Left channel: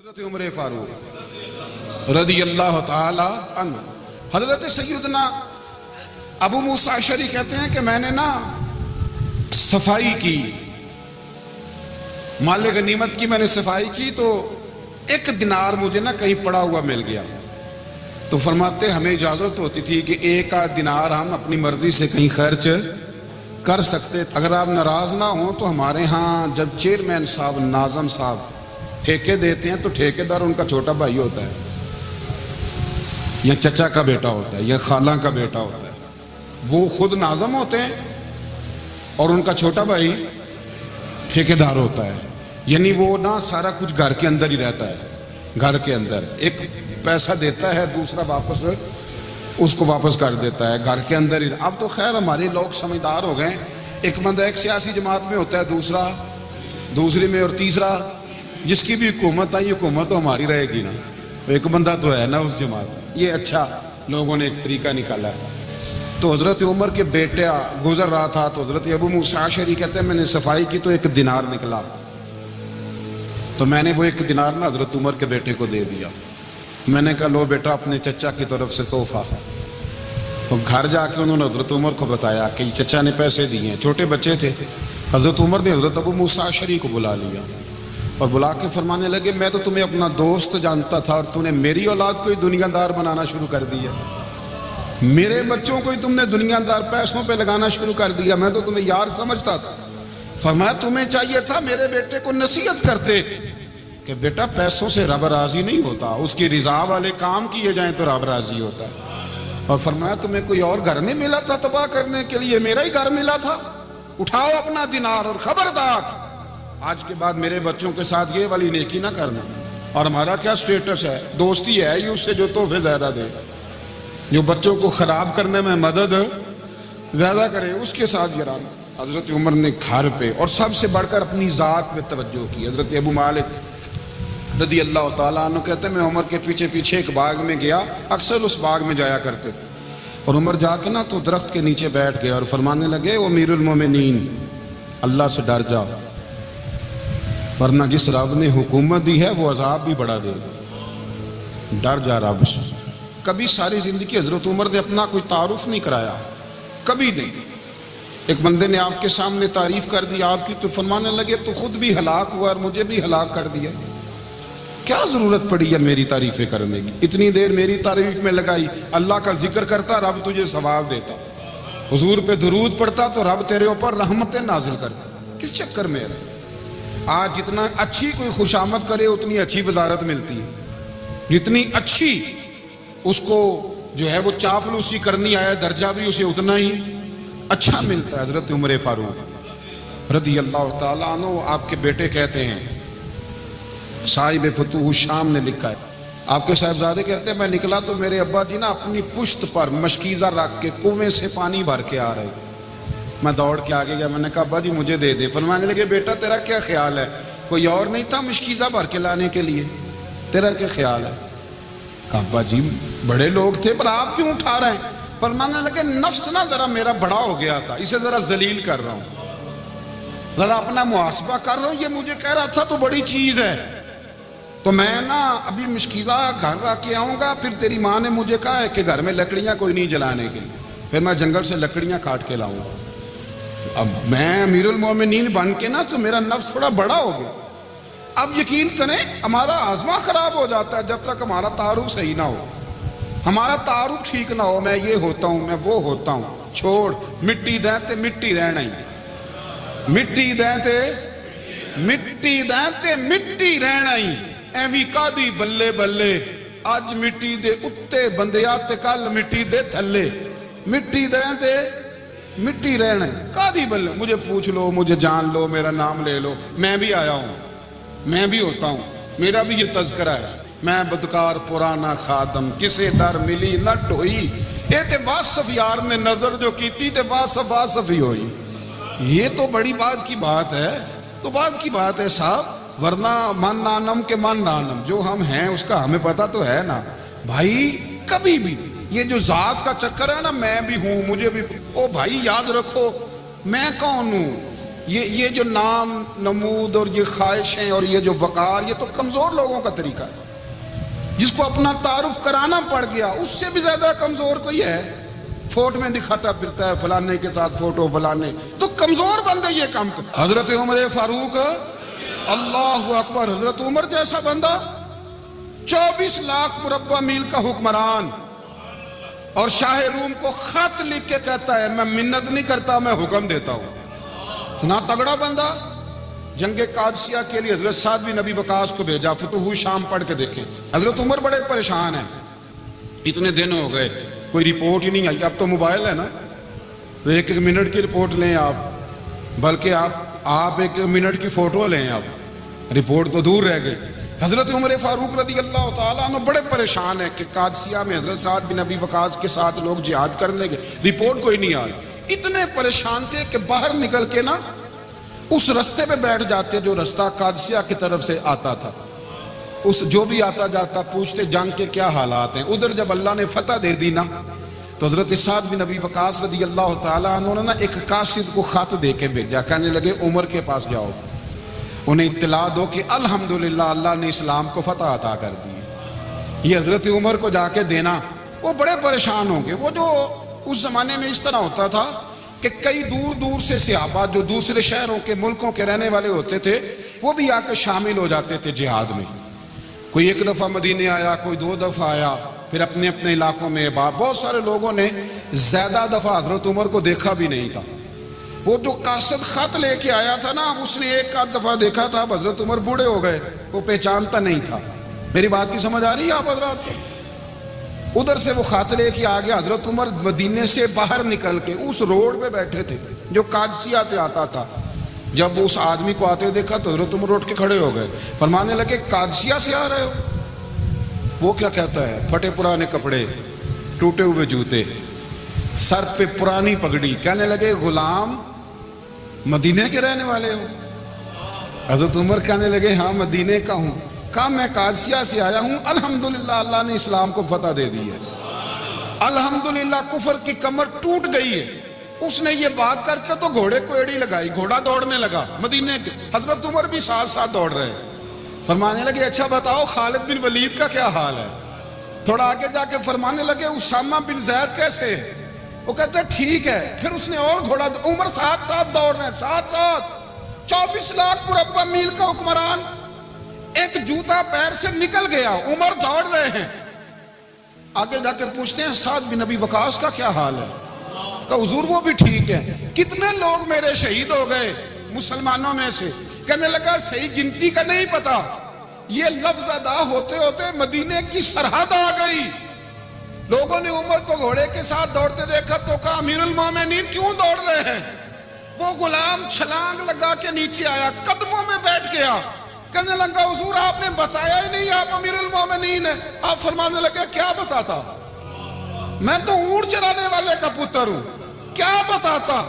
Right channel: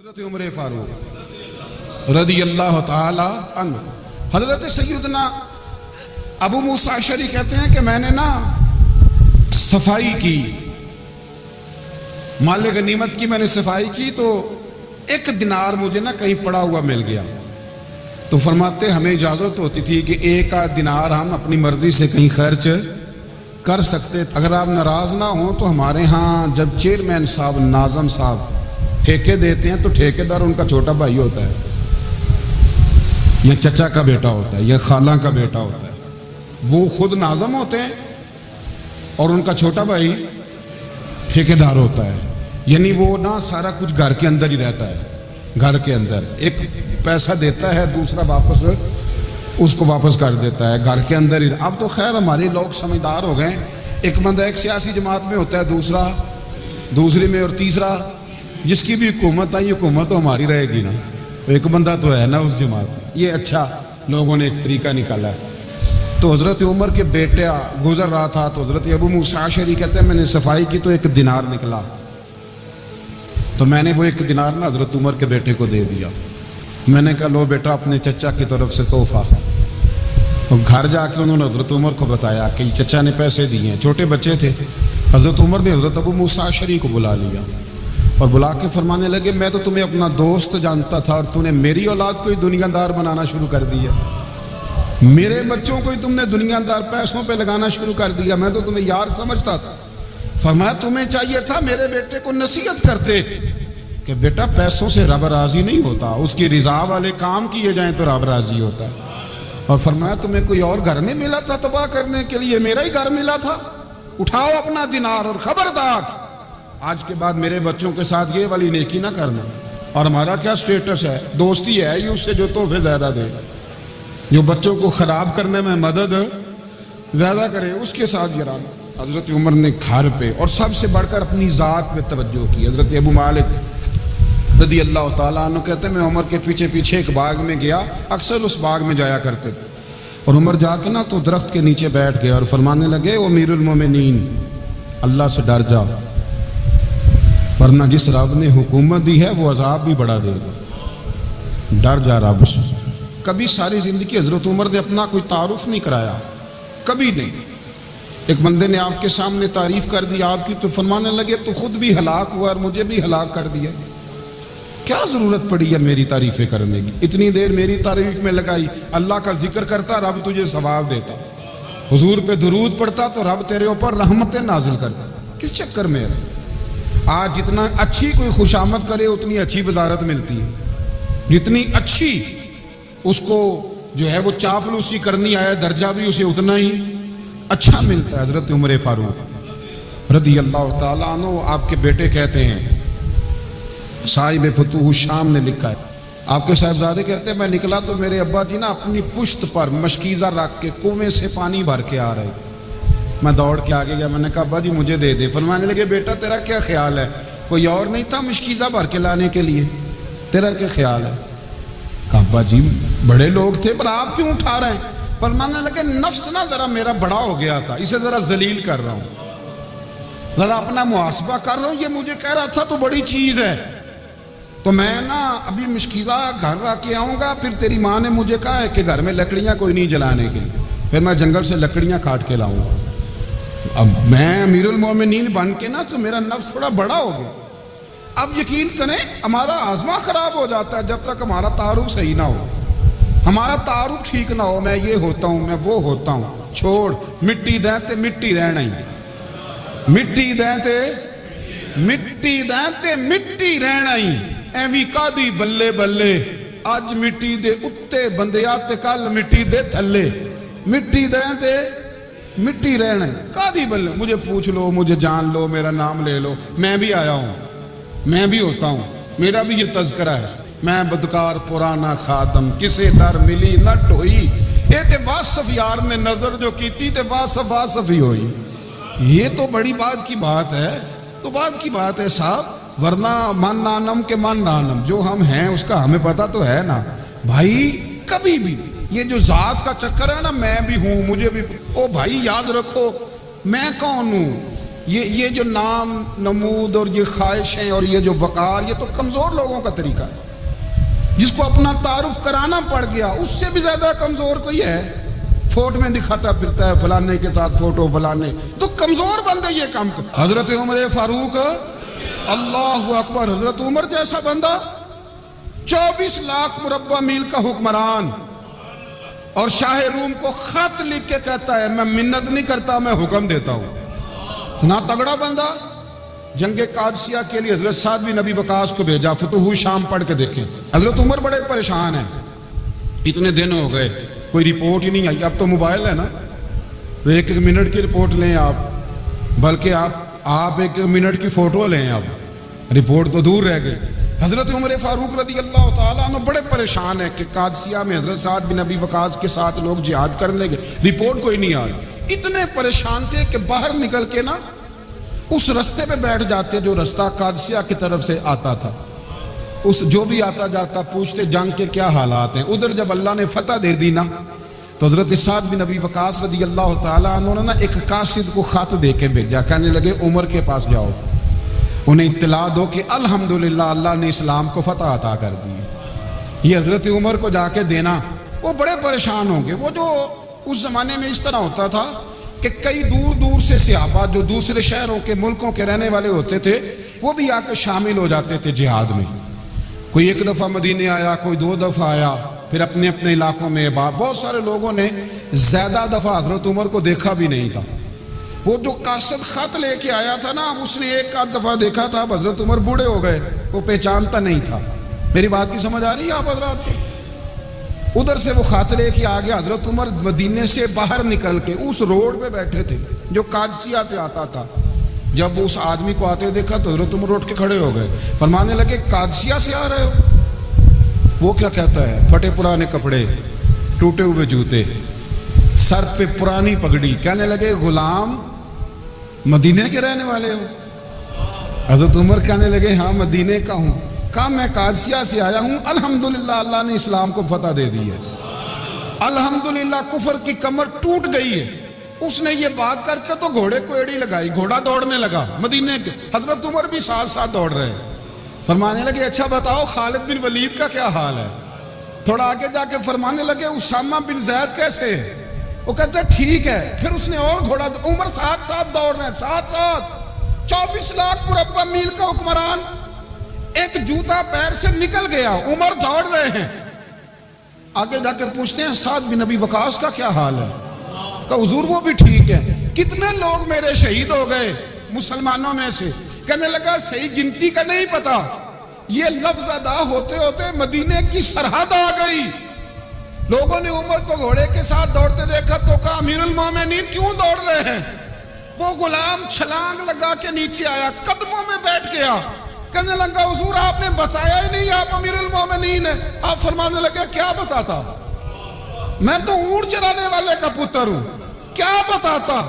حضرت عمر فاروق رضی اللہ تعالی عنہ، حضرت سیدنا ابو موسیٰ اشعری کہتے ہیں کہ میں نے صفائی کی، مال غنیمت کی میں نے صفائی کی تو ایک دینار مجھے کہیں پڑا ہوا مل گیا، تو فرماتے ہمیں اجازت ہوتی تھی کہ ایک آدھ دینار ہم اپنی مرضی سے کہیں خرچ کر سکتے، اگر آپ ناراض نہ ہوں تو ہمارے ہاں جب چیئرمین صاحب ناظم صاحب ٹھیکے دیتے ہیں تو ٹھیکیدار ان کا چھوٹا بھائی ہوتا ہے یا چچا کا بیٹا ہوتا ہے یا خالہ کا بیٹا ہوتا ہے، وہ خود ناظم ہوتے ہیں اور ان کا چھوٹا بھائی ٹھیکیدار ہوتا ہے، یعنی وہ سارا کچھ گھر کے اندر ہی رہتا ہے، گھر کے اندر ایک پیسہ دیتا ہے دوسرا واپس اس کو واپس کر دیتا ہے، گھر کے اندر ہی۔ اب تو خیر ہمارے لوگ سمجھدار ہو گئے، ایک بندہ ایک سیاسی جماعت میں ہوتا ہے، دوسرا دوسری میں، اور تیسرا جس کی بھی حکومت آئی حکومت تو ہماری رہے گی نا، ایک بندہ تو ہے نا اس جماعت میں۔ یہ اچھا لوگوں نے ایک طریقہ نکالا ہے۔ تو حضرت عمر کے بیٹے گزر رہا تھا تو حضرت ابو موسیٰ اشعری کہتے ہیں میں نے صفائی کی تو ایک دینار نکلا، تو میں نے وہ ایک دینار حضرت عمر کے بیٹے کو دے دیا، میں نے کہا لو بیٹا اپنے چچا کی طرف سے تحفہ۔ اور گھر جا کے انہوں نے حضرت عمر کو بتایا کہ چچا نے پیسے دیے ہیں، چھوٹے بچے تھے۔ حضرت عمر نے حضرت ابو موسیٰ اشعری کو بلا لیا اور بلا کے فرمانے لگے میں تو تمہیں اپنا دوست جانتا تھا اور تم نے میری اولاد کو ہی دنیا دار بنانا شروع کر دیا، میرے بچوں کو ہی تم نے دنیا دار پیسوں پہ لگانا شروع کر دیا، میں تو تمہیں یار سمجھتا تھا۔ فرمایا تمہیں چاہیے تھا میرے بیٹے کو نصیحت کرتے کہ بیٹا پیسوں سے رب راضی نہیں ہوتا، اس کی رضا والے کام کیے جائیں تو رب راضی ہوتا ہے۔ اور فرمایا تمہیں کوئی اور گھر نہیں ملا تھا تباہ کرنے کے لیے، میرا ہی گھر ملا تھا، اٹھاؤ اپنا دینار اور خبردار آج کے بعد میرے بچوں کے ساتھ یہ والی نیکی نہ کرنا۔ اور ہمارا کیا سٹیٹس ہے، دوستی ہے یہ اس سے جو تحفے زیادہ دے، جو بچوں کو خراب کرنے میں مدد زیادہ کرے اس کے ساتھ گرانا۔ حضرت عمر نے گھر پہ اور سب سے بڑھ کر اپنی ذات پہ توجہ کی۔ حضرت ابو مالک رضی اللہ تعالیٰ عنہ کہتے ہیں میں عمر کے پیچھے پیچھے ایک باغ میں گیا، اکثر اس باغ میں جایا کرتے تھے، اور عمر جا کے تو درخت کے نیچے بیٹھ گئے اور فرمانے لگے او امیر المومنین اللہ سے ڈر جا، ورنہ جس رب نے حکومت دی ہے وہ عذاب بھی بڑھا دے گا، ڈر جا رب سے۔ کبھی ساری زندگی حضرت عمر نے اپنا کوئی تعارف نہیں کرایا، کبھی نہیں۔ ایک بندے نے آپ کے سامنے تعریف کر دی آپ کی تو فرمانے لگے تو خود بھی ہلاک ہوا اور مجھے بھی ہلاک کر دیا، کیا ضرورت پڑی ہے میری تعریفیں کرنے کی، اتنی دیر میری تعریف میں لگائی، اللہ کا ذکر کرتا رب تجھے ثواب دیتا، حضور پہ درود پڑھتا تو رب تیرے اوپر رحمتیں نازل کرتا، کس چکر میں ہے؟ آج جتنا اچھی کوئی خوش آمد کرے اتنی اچھی وزارت ملتی ہے، جتنی اچھی اس کو جو ہے وہ چاپلوسی کرنی آیا درجہ بھی اسے اتنا ہی اچھا ملتا ہے۔ حضرت عمر فاروق رضی اللہ تعالیٰ عنہ آپ کے بیٹے کہتے ہیں، صاحب فتوح الشام نے لکھا ہے، آپ کے صاحبزادے کہتے ہیں میں نکلا تو میرے ابا جی اپنی پشت پر مشکیزہ رکھ کے کنویں سے پانی بھر کے آ رہے، میں دوڑ کے آگے گیا، میں نے کہا ابا جی مجھے دے دے۔ فرمانے لگے بیٹا تیرا کیا خیال ہے، کوئی اور نہیں تھا مشکیزہ بھر کے لانے کے لیے، تیرا کیا خیال ہے؟ کہا ابا جی بڑے لوگ تھے پر آپ کیوں اٹھا رہے ہیں؟ فرمانے لگے نفس ذرا میرا بڑا ہو گیا تھا، اسے ذرا ذلیل کر رہا ہوں، ذرا اپنا محاسبہ کر رہا ہوں، یہ مجھے کہہ رہا تھا تو بڑی چیز ہے، تو میں ابھی مشکیزہ گھر رکھ کے آؤں گا، پھر تیری ماں نے مجھے کہا ہے کہ گھر میں لکڑیاں کوئی نہیں جلانے کے لیے، پھر میں جنگل سے لکڑیاں کاٹ کے لاؤں گا۔ اب میں امیر المومنین بن کے تو میرا نفس تھوڑا بڑا ہو گیا۔ اب یقین کریں ہمارا آزما خراب ہو جاتا ہے جب تک ہمارا تعارف صحیح نہ ہو، ہمارا تعارف ٹھیک نہ ہو، میں یہ ہوتا ہوں میں وہ ہوتا ہوں، چھوڑ مٹی دیں تے مٹی رہنا ہی، مٹی دیں تے مٹی دیں تے مٹی رہنا ہی، ایویں کادی بلے بلے اج مٹی دے اتے بندیا تے کل مٹی دے تھلے، مٹی دیں تے مٹی رہنا ہے کادی بلے، مجھے پوچھ لو مجھے جان لو میرا نام لے لو، میں بھی آیا ہوں، میں بھی ہوتا ہوں، میرا بھی یہ تذکرہ ہے، میں بدکار پرانا خادم کسے در ملی نہ ڈھوئی، اے تے واصف یار نے نظر جو کیتی تے واصف واصف ہی ہوئی۔ یہ تو بڑی بات کی بات ہے، تو بات کی بات ہے صاحب، ورنہ من نانم کے من نانم، جو ہم ہیں اس کا ہمیں پتہ تو ہے نا بھائی۔ کبھی بھی یہ جو ذات کا چکر ہے میں بھی ہوں مجھے بھی، او بھائی یاد رکھو میں کون ہوں، یہ جو نام نمود اور یہ خواہشیں اور یہ جو وقار، یہ تو کمزور لوگوں کا طریقہ ہے، جس کو اپنا تعارف کرانا پڑ گیا اس سے بھی زیادہ کمزور کوئی ہے؟ فوٹو میں دکھاتا پھرتا ہے فلانے کے ساتھ فوٹو، فلانے تو کمزور بندے یہ کام کرتے۔ حضرت عمر فاروق، اللہ اکبر، حضرت عمر جیسا بندہ 24 لاکھ مربع میل کا حکمران، اور شاہ روم کو خط لکھ کے کہتا ہے میں منت نہیں کرتا، میں حکم دیتا ہوں۔ اتنا تگڑا بندہ۔ جنگ قادسیہ کے لیے حضرت سعد بن ابی وقاص کو بھیجا، فتوح شام پڑھ کے دیکھیں۔ حضرت عمر بڑے پریشان ہیں، اتنے دن ہو گئے کوئی رپورٹ ہی نہیں آئی۔ اب تو موبائل ہے نا، تو ایک منٹ کی رپورٹ لیں آپ، بلکہ آپ 1 منٹ کی فوٹو لیں، آپ رپورٹ تو دور رہ گئی۔ حضرت عمر فاروق رضی اللہ تعالیٰ عنہ بڑے پریشان ہیں کہ قادسیہ میں حضرت سعد بن ابی وقاص کے ساتھ لوگ جہاد کرنے گئے، رپورٹ کوئی نہیں آ رہی۔ اتنے پریشان تھے کہ باہر نکل کے نا اس رستے پہ بیٹھ جاتے جو رستہ قادسیہ کی طرف سے آتا تھا، اس جو بھی آتا جاتا پوچھتے جنگ کے کیا حالات ہیں۔ ادھر جب اللہ نے فتح دے دی نا، تو حضرت سعد بن ابی وقاص رضی اللہ تعالیٰ عنہ نے نا ایک قاصد کو خط دے کے بھیجا، کہنے لگے عمر کے پاس جاؤ، انہیں اطلاع دو کہ الحمدللہ اللہ نے اسلام کو فتح عطا کر دی۔ یہ حضرت عمر کو جا کے دینا، وہ بڑے پریشان ہوں گے۔ وہ جو اس زمانے میں اس طرح ہوتا تھا کہ کئی دور دور سے صحابہ جو دوسرے شہروں کے ملکوں کے رہنے والے ہوتے تھے، وہ بھی آ کے شامل ہو جاتے تھے جہاد میں۔ کوئی 1 دفعہ مدینے آیا، کوئی 2 دفعہ آیا، پھر اپنے اپنے علاقوں میں۔ بہت سارے لوگوں نے زیادہ دفعہ حضرت عمر کو دیکھا بھی نہیں تھا۔ وہ جو قاصد خط لے کے آیا تھا نا، اس نے 1 آدھ دفعہ دیکھا تھا، حضرت عمر بوڑھے ہو گئے، وہ پہچانتا نہیں تھا۔ میری بات کی سمجھ آ رہی ہے آپ حضرات کو؟ ادھر سے وہ خط لے کے آ گیا۔ حضرت عمر مدینے سے باہر نکل کے اس روڈ پہ بیٹھے تھے جو قادسیہ سے آتا تھا۔ جب اس آدمی کو آتے دیکھا تو حضرت عمر اٹھ کے کھڑے ہو گئے، فرمانے لگے قادسیہ سے آ رہے ہو؟ وہ کیا کہتا ہے؟ پھٹے پرانے کپڑے، ٹوٹے ہوئے جوتے، سر پہ پرانی پگڑی، کہنے لگے غلام مدینے کے رہنے والے ہو؟ حضرت عمر کہنے لگے ہاں مدینے کا ہوں۔ کہا میں قادسیہ سے آیا ہوں، الحمدللہ اللہ نے اسلام کو فتح دے دی ہے، الحمدللہ کفر کی کمر ٹوٹ گئی ہے۔ اس نے یہ بات کر کے تو گھوڑے کو ایڑی لگائی، گھوڑا دوڑنے لگا مدینے کے، حضرت عمر بھی ساتھ ساتھ دوڑ رہے۔ فرمانے لگے اچھا بتاؤ خالد بن ولید کا کیا حال ہے؟ تھوڑا آگے جا کے فرمانے لگے اسامہ بن زید کیسے ہے؟ وہ کہتے ہیں ٹھیک ہے۔ پھر اس نے اور گھوڑا، عمر ساتھ ساتھ دوڑ رہے ہیں، ساتھ ساتھ 24 لاکھ مربع میل کا حکمران، ایک جوتا پیر سے نکل گیا، عمر دوڑ رہے ہیں۔ آگے جا کے پوچھتے ہیں سعد بن ابی وقاص کا کیا حال ہے؟ کہ حضور وہ بھی ٹھیک ہے۔ کتنے لوگ میرے شہید ہو گئے مسلمانوں میں سے؟ کہنے لگا صحیح گنتی کا نہیں پتا، یہ لفظ ادا ہوتے ہوتے مدینے کی سرحد آ گئی۔ لوگوں نے عمر کو گھوڑے کے ساتھ دوڑتے دیکھا تو کہا امیر المومنین کیوں دوڑ رہے ہیں؟ وہ غلام چھلانگ لگا کے نیچے آیا، قدموں میں بیٹھ گیا، کہنے لگا حضور آپ نے بتایا ہی نہیں آپ امیر المومنین ہیں۔ آپ فرمانے لگے کیا بتاتا؟ میں تو اونٹ چرانے والے کا پتر ہوں، کیا بتاتا؟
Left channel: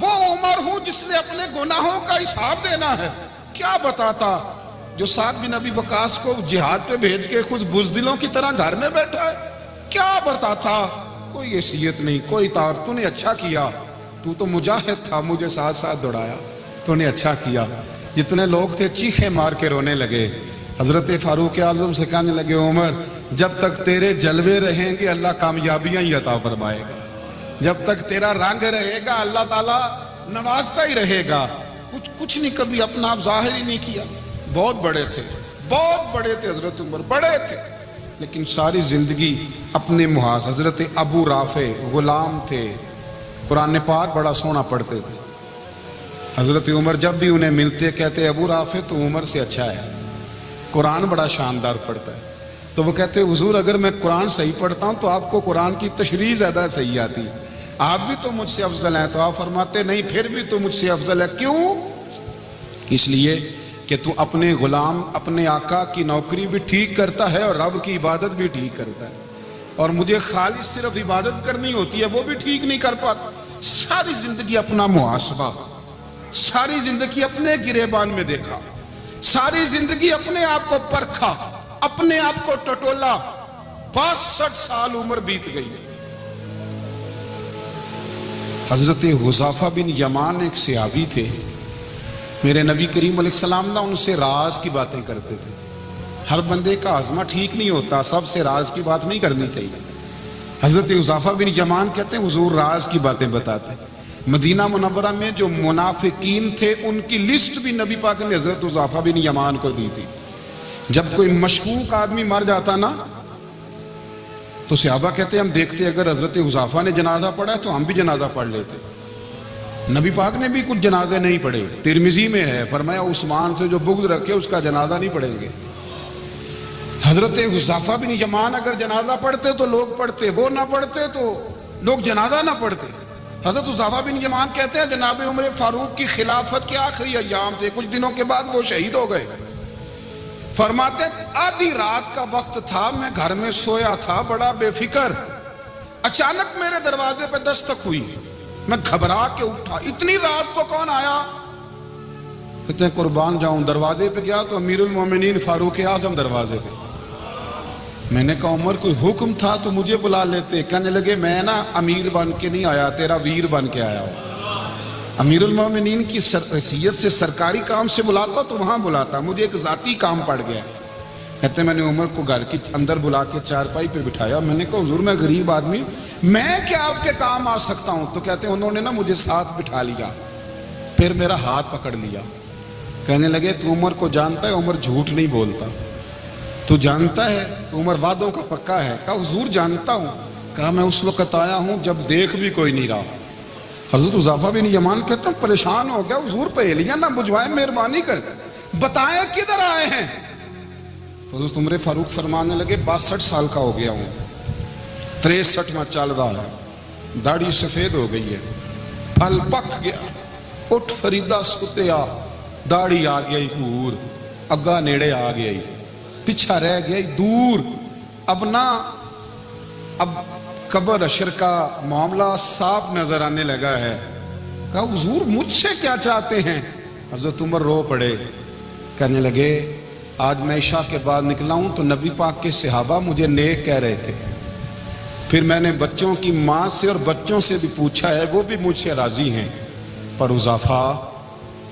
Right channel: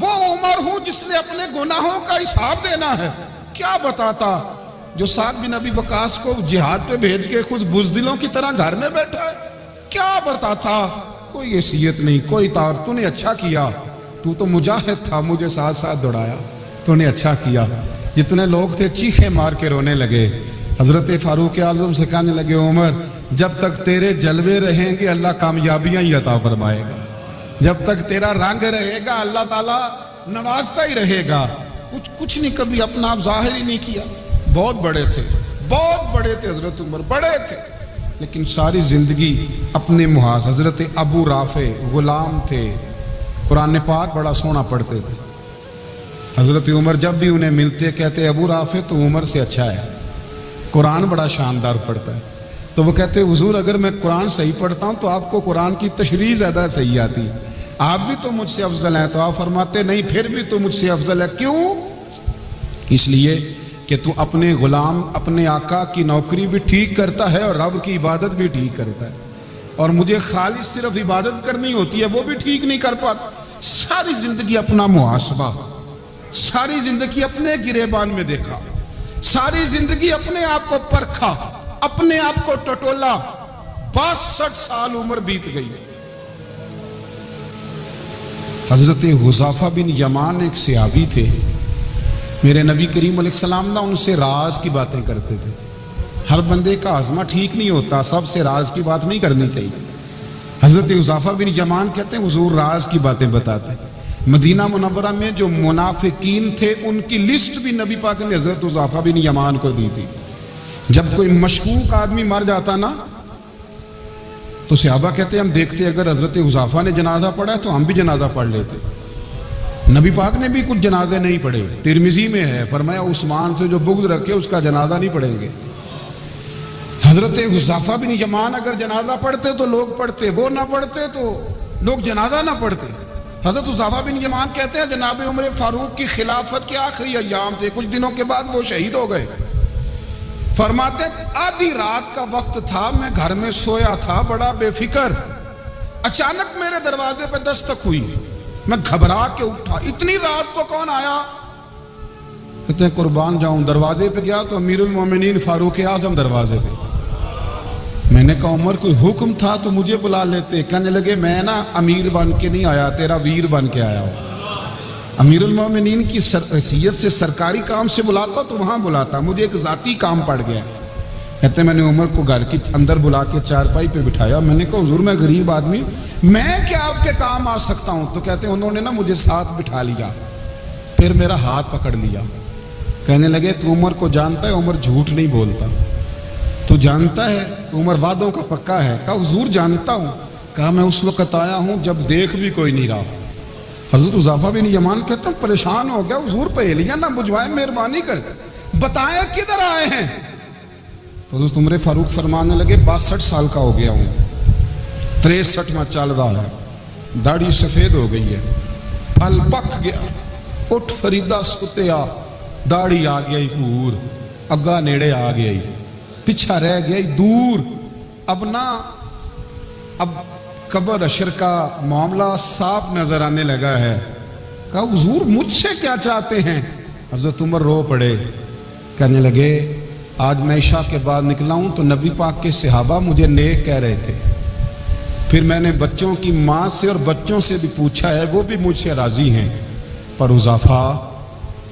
وہ عمر ہوں جس نے اپنے گناہوں کا حساب دینا ہے، کیا بتاتا؟ جو سعد بن ابی وقاص کو جہاد پہ بھیج کے کچھ بزدلوں کی طرح گھر میں بیٹھا ہے، کیا بتاتا؟ کوئی حیثیت نہیں، کوئی طور۔ تو نے اچھا کیا، تو مجاہد تھا، مجھے ساتھ ساتھ دوڑایا، تو نے اچھا کیا۔ جتنے لوگ تھے چیخے مار کے رونے لگے۔ حضرت فاروق اعظم سے کہنے لگے عمر جب تک تیرے جلوے رہیں گے اللہ کامیابیاں ہی عطا فرمائے گا، جب تک تیرا رنگ رہے گا اللہ تعالیٰ نوازتا ہی رہے گا۔ کچھ نہیں، کبھی اپنا آپ ظاہر ہی نہیں کیا۔ بہت بڑے تھے، بہت بڑے تھے حضرت عمر، بڑے تھے، لیکن ساری زندگی اپنے محاذ۔ حضرت ابو رافع غلام تھے، قرآن پاک بڑا سونا پڑھتے تھے۔ حضرت عمر جب بھی انہیں ملتے کہتے ابو رافع تو عمر سے اچھا ہے، قرآن بڑا شاندار پڑھتا ہے۔ تو وہ کہتے حضور اگر میں قرآن صحیح پڑھتا ہوں تو آپ کو قرآن کی تشریح زیادہ صحیح آتی، آپ بھی تو مجھ سے افضل ہیں۔ تو آپ فرماتے نہیں پھر بھی تو مجھ سے افضل ہے۔ کیوں؟ اس لیے کہ تو اپنے غلام اپنے آقا کی نوکری بھی ٹھیک کرتا ہے اور رب کی عبادت بھی ٹھیک کرتا ہے، اور مجھے خالص صرف عبادت کرنی ہوتی ہے وہ بھی ٹھیک نہیں کر پاتا۔ ساری زندگی اپنا محاسبہ، ساری زندگی اپنے گریبان میں دیکھا، ساری زندگی اپنے آپ کو پرکھا، اپنے آپ کو ٹٹولا۔ 62 سال عمر بیت گئی۔ حضرت حذیفہ بن یمان ایک صحابی تھے، میرے نبی کریم علیہ السلام نا ان سے راز کی باتیں کرتے تھے. ہر بندے کا ہاضمہ ٹھیک نہیں ہوتا، سب سے راز کی بات نہیں کرنی چاہیے. حضرت حذیفہ بن یمان کہتے ہیں حضور راز کی باتیں بتاتے. مدینہ منورہ میں جو منافقین تھے ان کی لسٹ بھی نبی پاک نے حضرت حذیفہ بن یمان کو دی تھی. جب کوئی مشکوک آدمی مر جاتا نا تو صحابہ کہتے ہیں ہم دیکھتے اگر حضرت حذیفہ نے جنازہ پڑھا ہے تو ہم بھی جنازہ پڑھ لیتے. نبی پاک نے بھی کچھ جنازے نہیں پڑھے. ترمذی میں ہے فرمایا عثمان سے جو بغض رکھے اس کا جنازہ نہیں پڑھیں گے. حضرت حذیفہ بن یمان اگر جنازہ پڑھتے تو لوگ پڑھتے، وہ نہ پڑھتے تو لوگ جنازہ نہ پڑھتے. حضرت حذیفہ بن یمان کہتے ہیں جناب عمر فاروق کی خلافت کے آخری ایام تھے، کچھ دنوں کے بعد وہ شہید ہو گئے. فرماتے آدھی رات کا وقت تھا، میں گھر میں سویا تھا بڑا بے فکر، اچانک میرے دروازے پہ دستک ہوئی، میں گھبرا کے اٹھا، اتنی رات کو کون آیا؟ کہتے ہیں قربان جاؤں دروازے پہ گیا تو امیر المومنین فاروق اعظم دروازے پہ. میں نے کہا عمر کوئی حکم تھا تو مجھے بلا لیتے. کہنے لگے میں نا امیر بن کے نہیں آیا، تیرا ویر بن کے آیا ہوں. امیر المومنین کی حیثیت سے سرکاری کام سے بلاتا تو وہاں بلاتا، مجھے ایک ذاتی کام پڑ گیا. کہتے ہیں میں نے عمر کو گھر کی اندر بلا کے چارپائی پہ بٹھایا. میں نے کہا حضور میں غریب آدمی، میں کیا آپ کے کام آ سکتا ہوں؟ تو کہتے ہیں انہوں نے نا مجھے ساتھ بٹھا لیا، پھر میرا ہاتھ پکڑ لیا. کہنے لگے تو عمر کو جانتا ہے؟ عمر جھوٹ نہیں بولتا. تو جانتا ہے؟ تو عمر وعدوں کا پکا ہے. کہا حضور جانتا ہوں. کہا میں اس وقت آیا ہوں جب دیکھ بھی کوئی نہیں رہا. حضرت حذیفہ بن یمان کہتا ہوں پریشان ہو گیا، حضور پہیلیاں نہ بجھوائیں، مہربانی کر بتائیں کدھر آئے ہیں. تو حضرت عمر فاروق فرمانے لگے 62 سال کا ہو گیا ہوں، 63 میں چل رہا ہے، داڑھی سفید ہو گئی ہے، پھل پک گیا، اٹھ فریدہ ستیا، داڑھی آ گئی پور، اگا نیڑے آ گئی، پیچھا رہ گئی دور. اب قبر اشر کا معاملہ صاف نظر آنے لگا ہے. کہا حضور مجھ سے کیا چاہتے ہیں؟ حضرت عمر رو پڑے. کہنے لگے آج میں عشاء کے بعد نکلا ہوں تو نبی پاک کے صحابہ مجھے نیک کہہ رہے تھے، پھر میں نے بچوں کی ماں سے اور بچوں سے بھی پوچھا ہے، وہ بھی مجھ سے راضی ہیں. پر حذیفہ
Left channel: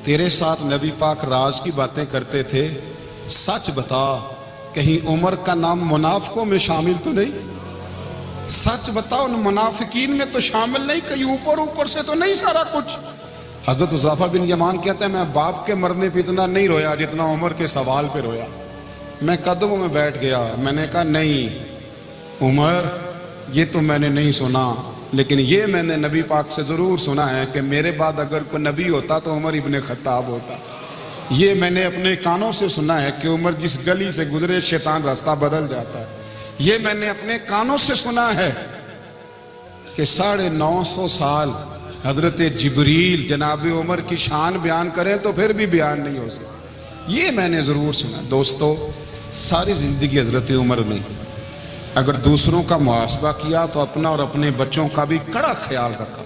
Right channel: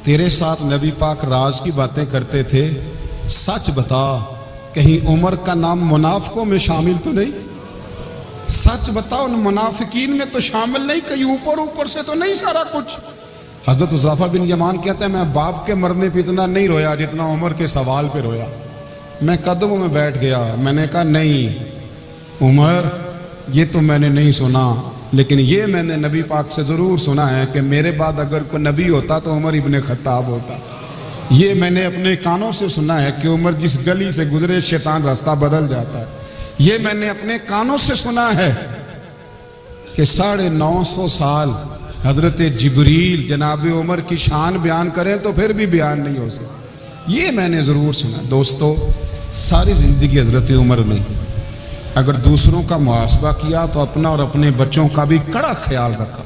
تیرے ساتھ نبی پاک راز کی باتیں کرتے تھے، سچ بتا کہیں عمر کا نام منافقوں میں شامل تو نہیں؟ سچ بتا ان منافقین میں تو شامل نہیں، کہیں اوپر سے تو نہیں سارا کچھ؟ حضرت حذیفہ بن یمان کہتے ہیں میں باپ کے مرنے پہ اتنا نہیں رویا جتنا عمر کے سوال پہ رویا. میں قدموں میں بیٹھ گیا. میں نے کہا نہیں عمر یہ تو میں نے نہیں سنا، لیکن یہ میں نے نبی پاک سے ضرور سنا ہے کہ میرے بعد اگر کوئی نبی ہوتا تو عمر ابن خطاب ہوتا. یہ میں نے اپنے کانوں سے سنا ہے کہ عمر جس گلی سے گزرے شیطان راستہ بدل جاتا ہے. یہ میں نے اپنے کانوں سے سنا ہے کہ 950 سال حضرت جبریل جناب عمر کی شان بیان کریں تو پھر بھی بیان نہیں ہو سکتا. یہ میں نے ضرور سنا. دوستو ساری زندگی حضرت عمر نے اگر دوسروں کا محاسبہ کیا تو اپنا اور اپنے بچوں کا بھی کڑا خیال رکھا،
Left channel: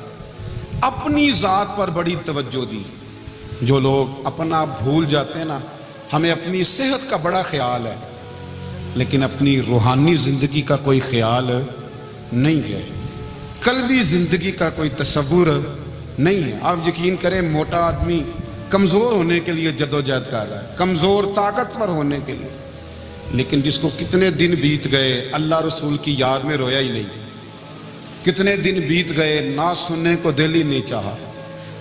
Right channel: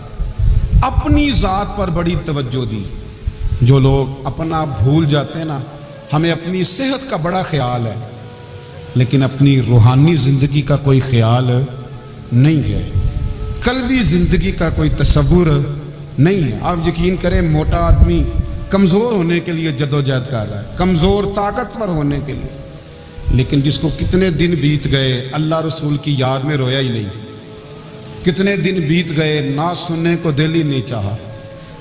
اپنی ذات پر بڑی توجہ دی. جو لوگ اپنا بھول جاتے ہیں نا، ہمیں اپنی صحت کا بڑا خیال ہے لیکن اپنی روحانی زندگی کا کوئی خیال نہیں ہے، قلبی زندگی کا کوئی تصور نہیں ہے. آپ یقین کریں موٹا آدمی کمزور ہونے کے لیے جدوجہد کر رہا ہے، کمزور طاقتور ہونے کے لیے، لیکن جس کو کتنے دن بیت گئے اللہ رسول کی یاد میں رویا ہی نہیں، کتنے دن بیت گئے نہ سننے کو دل ہی نہیں چاہا،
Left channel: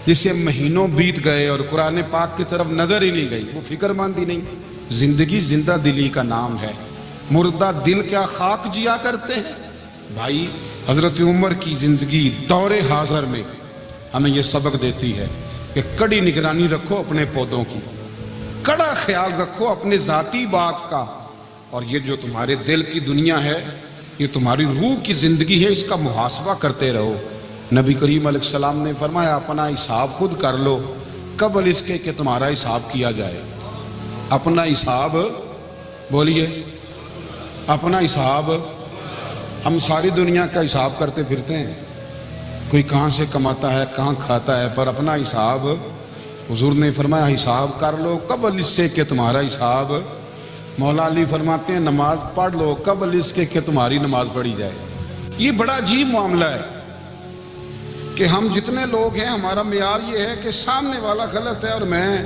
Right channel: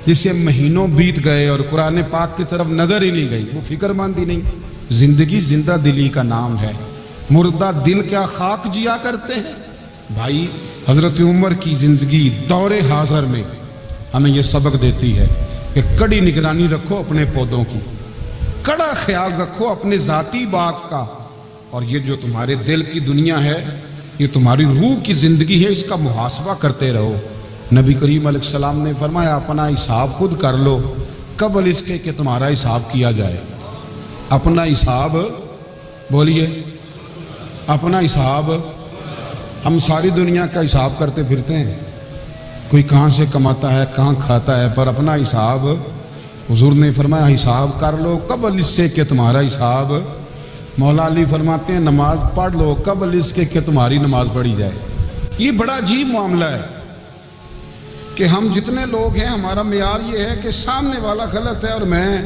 جسے مہینوں بیت گئے اور قرآن پاک کی طرف نظر ہی نہیں گئی، وہ فکر مند ہی نہیں. زندگی زندہ دلی کا نام ہے، مردہ دل کیا خاک جیا کرتے ہیں. بھائی حضرت عمر کی زندگی دور حاضر میں ہمیں یہ سبق دیتی ہے کہ کڑی نگرانی رکھو اپنے پودوں کی، کڑا خیال رکھو اپنے ذاتی باغ کا، اور یہ جو تمہارے دل کی دنیا ہے یہ تمہاری روح کی زندگی ہے، اس کا محاسبہ کرتے رہو. نبی کریم علیہ السلام نے فرمایا اپنا حساب خود کر لو قبل اس کے کہ تمہارا حساب کیا جائے. اپنا حساب بولیے، اپنا حساب. ہم ساری دنیا کا حساب کرتے پھرتے ہیں، کوئی کہاں سے کماتا ہے کہاں کھاتا ہے، پر اپنا حساب حضور نے فرمایا حساب کر لو قبل اس سے کہ تمہارا حساب. مولا علی فرماتے ہیں نماز پڑھ لو قبل اس کے کہ تمہاری نماز پڑھی جائے. یہ بڑا عجیب معاملہ ہے کہ ہم جتنے لوگ ہیں ہمارا معیار یہ ہے کہ سامنے والا غلط ہے اور میں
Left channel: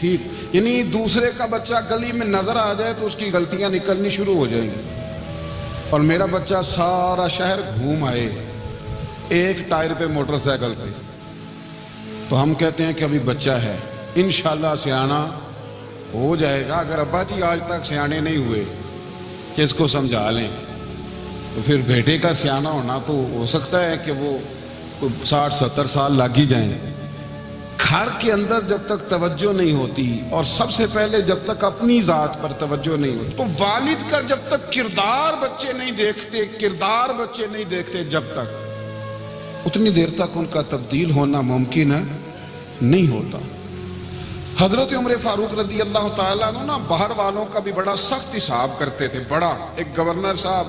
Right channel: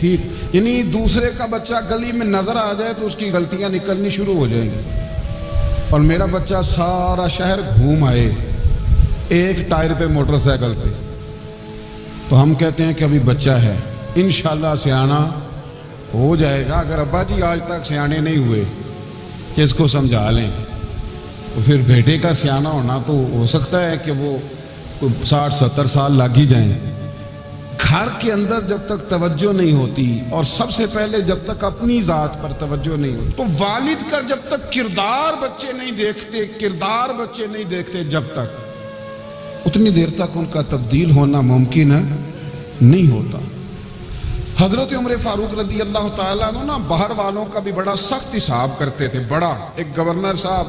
ٹھیک، یعنی دوسرے کا بچہ گلی میں نظر آ جائے تو اس کی غلطیاں نکلنی شروع ہو جائیں گی. اور میرا بچہ سارا شہر گھوم آئے ایک ٹائر پہ موٹر سائیکل پہ، تو ہم کہتے ہیں کہ ابھی بچہ ہے، انشاءاللہ سیانا ہو جائے گا. اگر ابا جی آج تک سیانے نہیں ہوئے کہ اس کو سمجھا لیں، تو پھر بیٹے کا سیانا ہونا تو ہو سکتا ہے کہ وہ 60-70 سال لگ ہی جائیں. گھر کے اندر جب تک توجہ نہیں ہوتی، اور سب سے پہلے جب تک اپنی ذات پر توجہ نہیں ہوتی، تو والد کا جب تک کردار بچے نہیں دیکھتے جب تک، اتنی دیر تک ان کا تبدیل ہونا ممکن نہیں ہوتا. حضرت عمر فاروق رضی اللہ تعالیٰ عنہ نا باہر والوں کا بھی بڑا سخت حساب کرتے تھے. بڑا ایک گورنر صاحب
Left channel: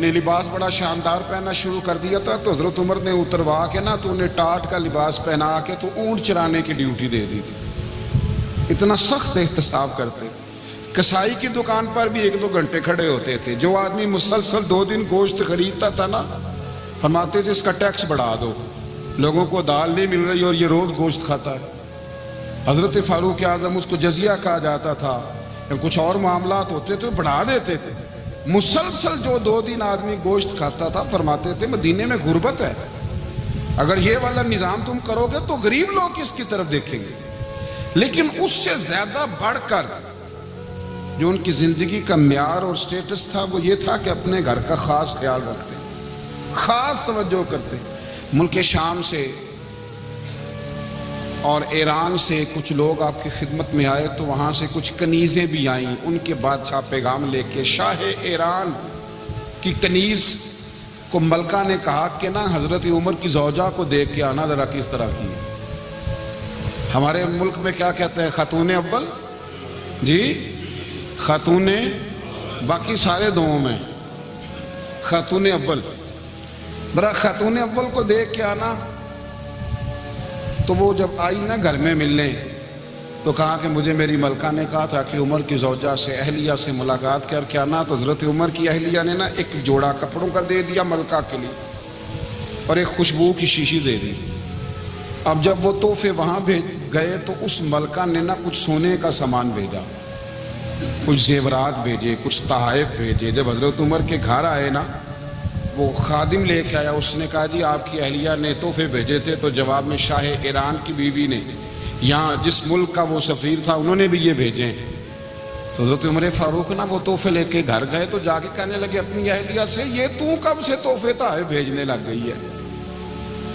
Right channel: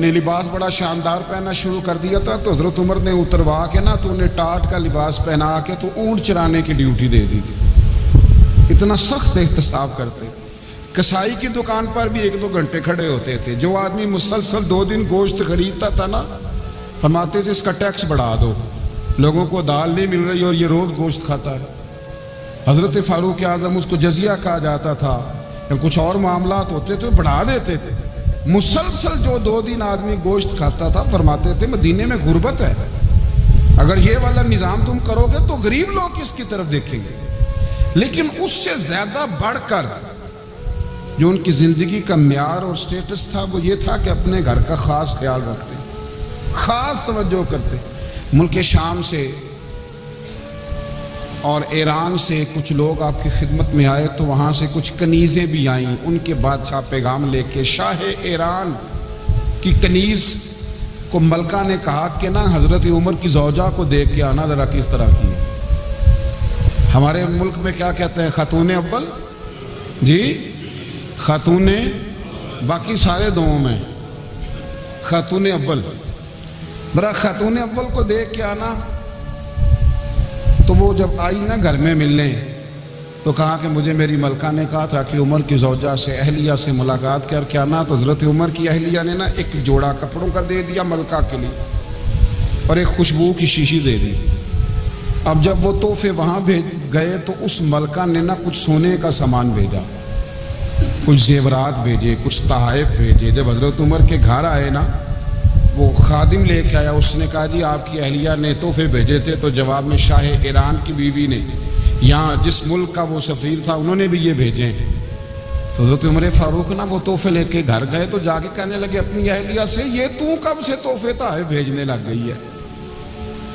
نے لباس بڑا شاندار پہننا شروع کر دیا تھا، تو حضرت عمر نے اتروا کے نا تو انہیں ٹاٹ کا لباس پہنا کے تو اونٹ چرانے کی ڈیوٹی دے دی تھی. اتنا سخت احتساب کرتے. کسائی کی دکان پر بھی 1-2 گھنٹے کھڑے ہوتے تھے. جو آدمی مسلسل 2 دن گوشت خریدتا تھا نا، فرماتے تھے اس کا ٹیکس بڑھا دو، لوگوں کو دال نہیں مل رہی اور یہ روز گوشت کھاتا ہے. حضرت فاروق اعظم اس کو جزیہ کہا جاتا تھا، یا کچھ اور معاملات ہوتے تو بڑھا دیتے تھے. مسلسل جو 2 دن آدمی گوشت کھاتا تھا، فرماتے تھے مدینے میں غربت ہے، اگر یہ والا نظام تم کرو گے تو غریب لوگ اس کی طرف دیکھیں گے. لیکن اس سے زیادہ بڑھ کر جو ان کی زندگی کا معیار اور سٹیٹس تھا وہ یہ تھا کہ اپنے گھر کا خاص خیال رکھتے، خاص توجہ کرتے. ملک شام سے اور ایران سے کچھ لوگ آپ کی خدمت میں آئے، تو وہاں سے کچھ کنیزیں بھی آئیں. ان کے بادشاہ پیغام لے کے، شاہ ایران کی کنیز کو ملکہ نے کہا کہ نا حضرت عمر کی زوجہ کو دیکھ کے آنا ذرا کس طرح کی ہے. ہمارے ملک میں کیا کہتے ہیں؟ خاتون اول جی، خاتون، باقی سارے دووں میں خاتون اول. ذرا خاتون اول کو دیکھ کے آنا. تو وہ جب آئی نا گھر میں ملنے، تو کہا کہ مجھے میری ملکہ نے کہا تھا کہ عمر کی زوجہ سے، اہلیہ سے ملاقات کر کے آنا. تو حضرت عمر کی اہلیہ نے نا ایک جوڑا کپڑوں کا دے دیا ملکہ کے لیے، اور ایک خوشبو کی شیشی دے دی. اب جب وہ تحفے وہاں بھیج گئے تو اس ملکہ نے نا کچھ سونے کا سامان بھیجا، کچھ زیورات بھیجے، کچھ تحائف بھیجے. جب حضرت عمر کے گھر آئے نا، وہ خادم لے کے آیا، اس نے کہا جی آپ کی اہلیہ نے تحفے بھیجے تھے. تو جواب میں شاہ ایران کی بیوی نے، یہاں جس ملک کا وہ سفیر تھا، انہوں نے بھی یہ بھیجے. تو حضرت عمر فاروق نا وہ تحفے لے کے گھر گئے، تو جا کے کہنے لگے اپنی اہلیہ سے، یہ تو کب سے تحفے تحائف بھیجنے لگ گئی ہے؟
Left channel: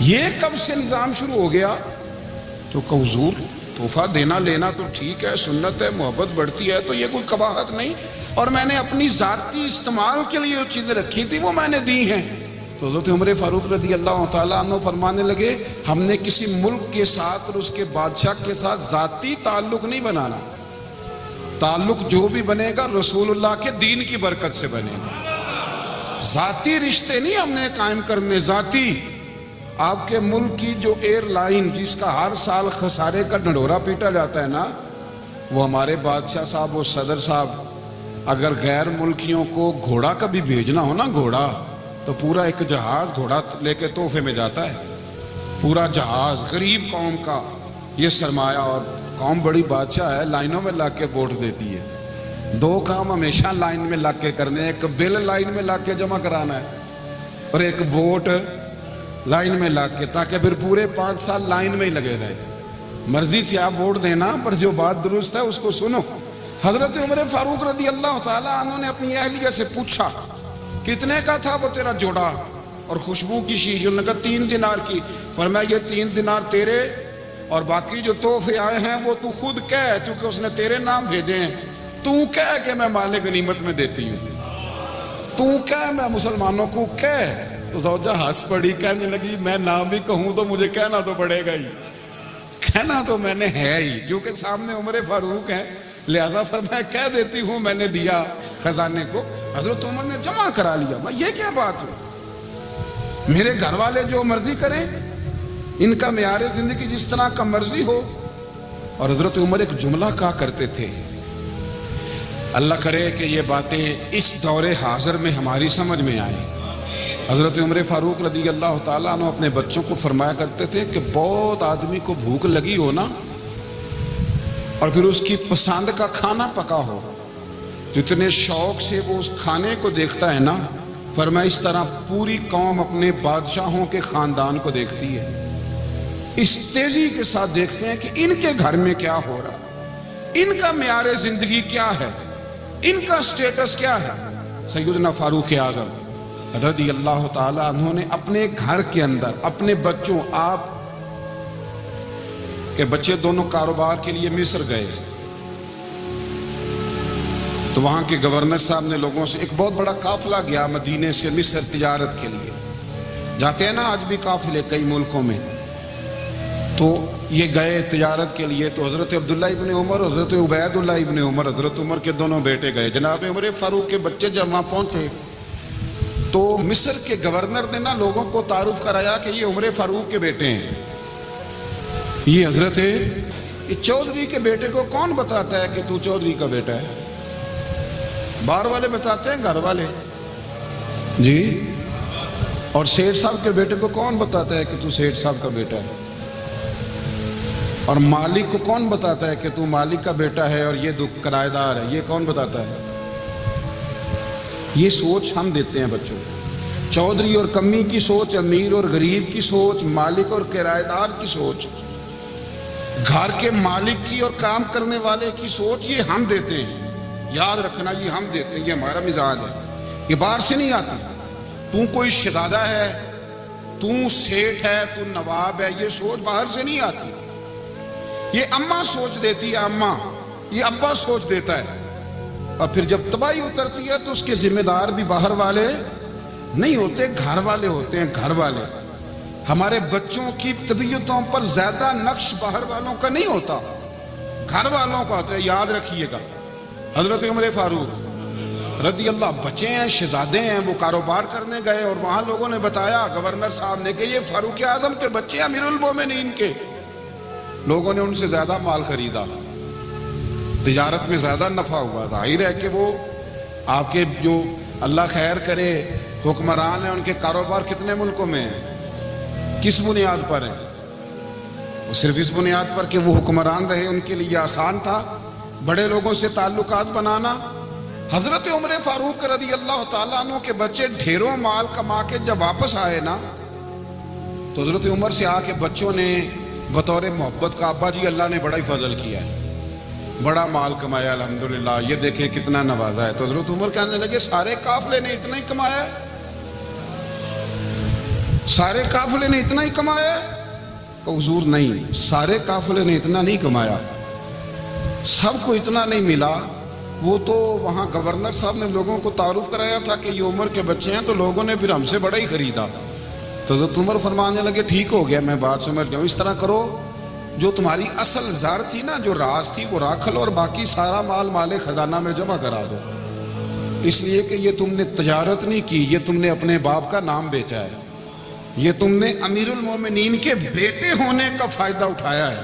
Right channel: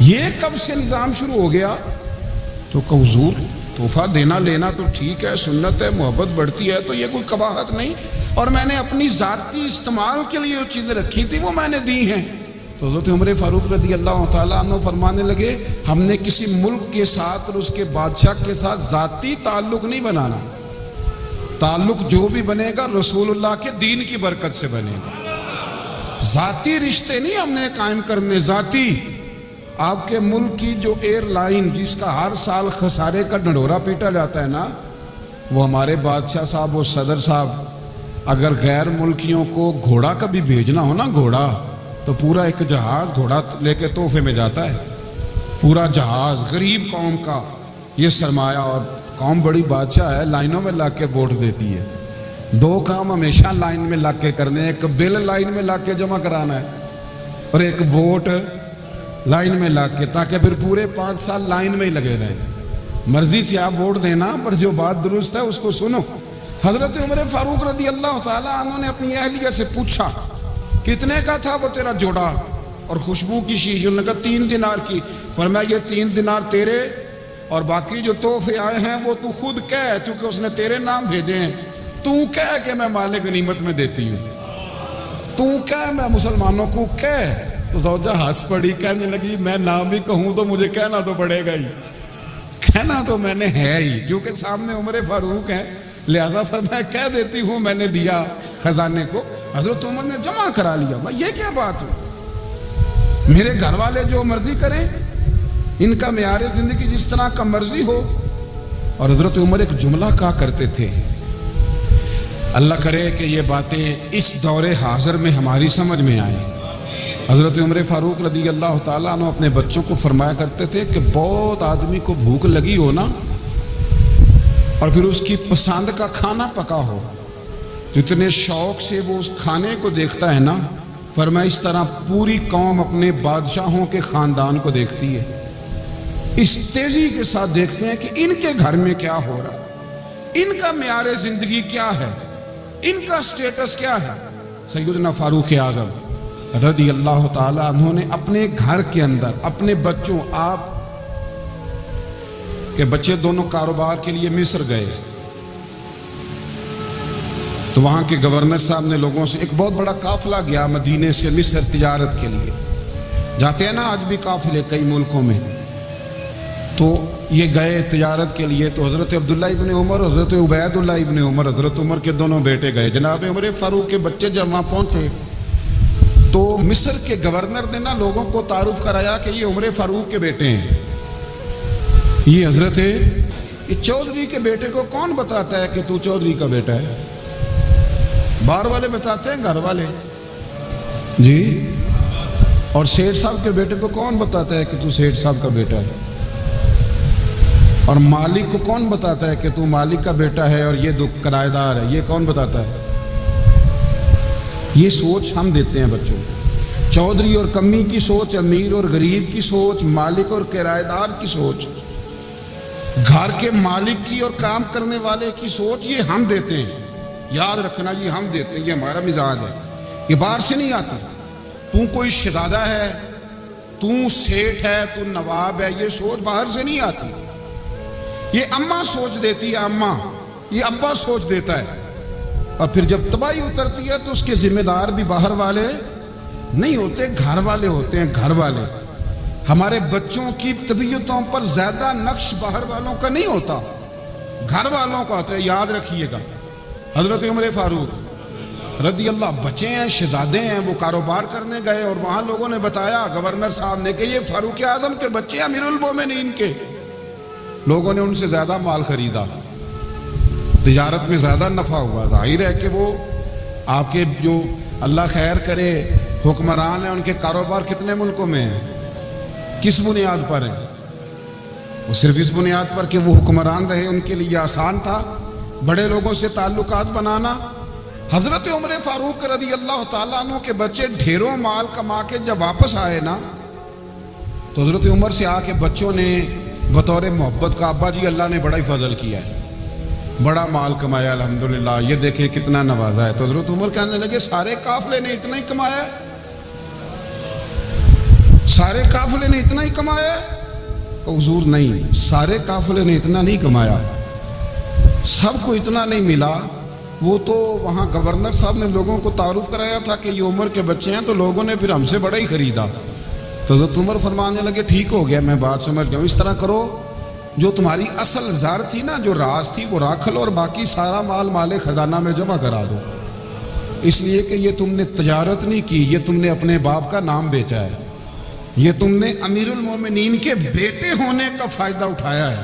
یہ کب سے نظام شروع ہو گیا؟ تو کہ حضور تحفہ دینا لینا تو ٹھیک ہے، سنت ہے، محبت بڑھتی ہے، تو یہ کوئی قباحت نہیں، اور میں نے اپنی ذاتی استعمال کے لیے جو چیزیں رکھی تھی وہ میں نے دی ہیں. تو حضرت عمر فاروق رضی اللہ تعالیٰ عنہ فرمانے لگے ہم نے کسی ملک کے ساتھ اور اس کے بادشاہ کے ساتھ ذاتی تعلق نہیں بنانا. تعلق جو بھی بنے گا رسول اللہ کے دین کی برکت سے بنے گا. ذاتی رشتے نہیں ہم نے قائم کرنے. ذاتی آپ کے ملک کی جو ایئر لائن جس کا ہر سال خسارے کا ڈنڈورا پیٹا جاتا ہے نا، وہ ہمارے بادشاہ صاحب اور صدر صاحب اگر غیر ملکیوں کو گھوڑا کبھی بھیجنا ہو نا، گھوڑا، تو پورا ایک جہاز گھوڑا لے کے تحفے میں جاتا ہے. پورا جہاز غریب قوم کا یہ سرمایہ، اور قوم بڑی بادشاہ ہے، لائنوں میں لگ کے ووٹ دیتی ہے. 2 کام ہمیشہ لائن میں لگ کے کرنے، ایک بل لائن میں لگ کے جمع کرانا ہے، اور ایک ووٹ لائن میں لگ کے، تاکہ پھر پورے 5 سال لائن میں ہی لگے رہیں. مرضی سے آپ ووٹ دینا، پر جو بات درست ہے اس کو سنو. حضرت عمر فاروق رضی اللہ تعالیٰ عنہ نے اپنی اہلیہ سے پوچھا کتنے کا تھا وہ تیرا جوڑا اور خوشبو کی شیشی؟ انہوں نے کہا 3 دینار کی. فرمایا یہ 3 دینار تیرے، اور باقی جو تحفے آئے ہیں وہ تو خود کہہ، چونکہ اس نے تیرے نام بھیجے ہیں، تو کہہ کہ میں مال غنیمت میں دیتی ہوں، تو کہہ میں مسلمانوں کو کہہ. تو زوجہ ہنس پڑی، کہنے لگی میں نہ بھی کہوں تو مجھے کہنا تو پڑے گا ہی، کہنا تو میں نے ہے ہی، کیونکہ سامنے عمر فاروق ہیں، لہذا فرمایا کہہ دیتی ہوں میں نے دیا خزانے کو. حضرت عمر نے جمع کرا لیا. میں یہ کیا بات ہو، میرے گھر والے جو مرضی کریں، ان کا معیار زندگی جس طرح کا مرضی ہو. اور حضرت عمر ایک جملہ کہا کرتے تھے، اللہ کرے کہ یہ باتیں اس دور حاضر میں ہماری سمجھ میں آئیں. حضرت عمر فاروق رضی اللہ تعالیٰ عنہ اپنے بچوں کو فرمایا کرتے تھے کہ بہت آدمی کو بھوک لگی ہو نا، اور پھر اس کی پسند کا کھانا پکا ہو تو اتنے شوق سے وہ اس کھانے کو دیکھتا ہے نا، فرمایا اس طرح پوری قوم اپنے بادشاہوں کے خاندان کو دیکھتی ہے، اس تیزی کے ساتھ دیکھتے ہیں کہ ان کے گھر میں کیا ہو رہا ہے، ان کا معیار زندگی کیا ہے، ان کا سٹیٹس کیا ہے۔ سیدنا فاروق اعظم رضی اللہ تعالی عنہ نے اپنے گھر کے اندر اپنے بچوں، آپ کے بچے دونوں کاروبار کے لیے مصر گئے تو وہاں کے گورنر صاحب نے لوگوں سے، ایک بہت بڑا قافلہ گیا مدینے سے مصر تجارت کے لیے، جاتے ہیں نا آج بھی قافلے کئی ملکوں میں، تو یہ گئے تجارت کے لیے، تو حضرت عبداللہ ابن عمر، حضرت عبید اللہ ابن عمر، حضرت عمر کے دونوں بیٹے گئے، جناب عمر فاروق کے بچے جب وہاں پہنچے تو مصر کے گورنر نے نا لوگوں کو تعارف کرایا کہ یہ عمر فاروق کے بیٹے ہیں، یہ حضرت یہ چودھری کے بیٹے کو کون بتاتا ہے کہ تو چودھری کا بیٹا ہے؟ باہر والے بتاتے ہیں، گھر والے جی، اور سیٹھ صاحب کے بیٹے کو کون بتاتا ہے کہ تو سیٹھ صاحب کا بیٹا ہے؟ اور مالک کو کون بتاتا ہے کہ تو مالک کا بیٹا ہے اور یہ کرایہ دار ہے؟ یہ کون بتاتا ہے؟ یہ سوچ ہم دیتے ہیں بچوں کو، چودھری اور کمی کی سوچ، امیر اور غریب کی سوچ، مالک اور کرایہ دار کی سوچ، گھر کے مالک کی اور کام کرنے والے کی سوچ، یہ ہم دیتے ہیں، یاد رکھنا، یہ ہم دیتے ہیں، یہ ہمارا مزاج ہے، یہ باہر سے نہیں آتا۔ تو کوئی شہزادہ ہے، تو سیٹھ ہے، تو نواب ہے، یہ سوچ باہر سے نہیں آتی، یہ اماں سوچ دیتی ہے، اماں، یہ ابا سوچ دیتا ہے، اور پھر جب تباہی اترتی ہے تو اس کے ذمہ دار بھی باہر والے نہیں ہوتے، گھر والے ہوتے ہیں، گھر والے۔ ہمارے بچوں کی طبیعتوں پر زیادہ نقش باہر والوں کا نہیں ہوتا، گھر والوں کا ہوتا ہے، یاد رکھیے گا۔ حضرت عمر فاروق رضی اللہ بچے ہیں، شہزادے ہیں، وہ کاروبار کرنے گئے اور وہاں لوگوں نے بتایا گورنر صاحب نے کہ یہ فاروق اعظم کے بچے امیر المومنین کے، لوگوں نے ان سے زیادہ مال خریدا، تجارت میں زیادہ نفع ہوا، ظاہر ہے کہ وہ آپ کے جو اللہ خیر کرے حکمران ہیں، ان کے کاروبار کتنے ملکوں میں ہیں، کس بنیاد پر ہے؟ وہ صرف اس بنیاد پر کہ وہ حکمران رہے، ان کے لیے آسان تھا بڑے لوگوں سے تعلقات بنانا۔ حضرت عمر فاروق رضی اللہ تعالیٰ عنہ کے بچے ڈھیروں مال کما کے جب واپس آئے نا تو حضرت عمر سے آ کے بچوں نے بطور محبت کا، ابا جی اللہ نے بڑا ہی فضل کیا ہے، بڑا مال کمایا الحمدللہ، یہ دیکھیں کتنا نوازا ہے۔ تو حضرت عمر کہنے لگے سارے قافلے نے اتنا ہی کمایا ہے؟ سارے قافلے نے اتنا ہی کمایا ہے؟ تو حضور نہیں، سارے قافلے نے اتنا نہیں کمایا، سب کو اتنا نہیں ملا، وہ تو وہاں گورنر صاحب نے لوگوں کو تعارف کرایا تھا کہ یہ عمر کے بچے ہیں، تو لوگوں نے پھر ہم سے بڑا ہی خریدا۔ تو حضرت عمر فرمانے لگے ٹھیک ہو گیا، میں بات سمجھ گیا ہوں، اس طرح کرو جو تمہاری اصل زر تھی نا، جو راز تھی وہ رکھ لو، اور باقی سارا مال خزانہ میں جمع کرا دو، اس لیے کہ یہ تم نے تجارت نہیں کی، یہ تم نے اپنے باپ کا نام بیچا ہے، یہ تم نے امیر المومنین کے بیٹے ہونے کا فائدہ اٹھایا ہے۔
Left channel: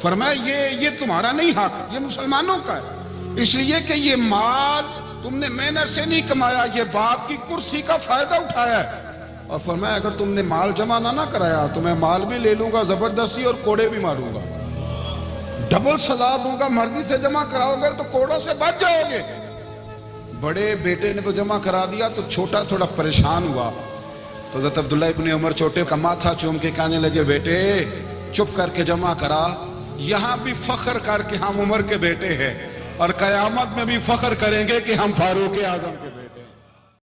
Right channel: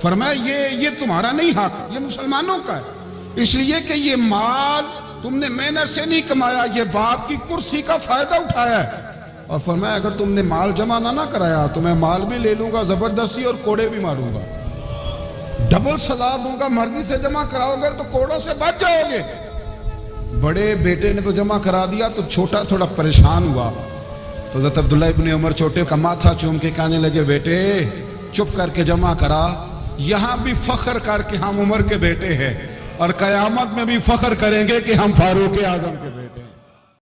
فرمایا یہ تمہارا نہیں حق، یہ مسلمانوں کا ہے، اس لیے کہ یہ مال تم نے محنت سے نہیں کمایا، یہ باپ کی کرسی کا فائدہ اٹھایا ہے۔ اور فرمایا اگر تم نے مال جمع نہ کرایا تو میں مال بھی لے لوں گا زبردستی اور کوڑے بھی ماروں گا، ڈبل سزا دوں گا، مرضی سے جمع کراؤ گے تو کوڑوں سے بچ جاؤ گے۔ بڑے بیٹے نے تو جمع کرا دیا تو چھوٹا تھوڑا پریشان ہوا، تو حضرت عبداللہ ابن عمر چھوٹے کا ماتھا چوم کے کہنے لگے بیٹے چپ کر کے جمع کرا، یہاں بھی فخر کر کے ہم عمر کے بیٹے ہیں، اور قیامت میں بھی فخر کریں گے کہ ہم فاروق اعظم کے بیٹے ہیں۔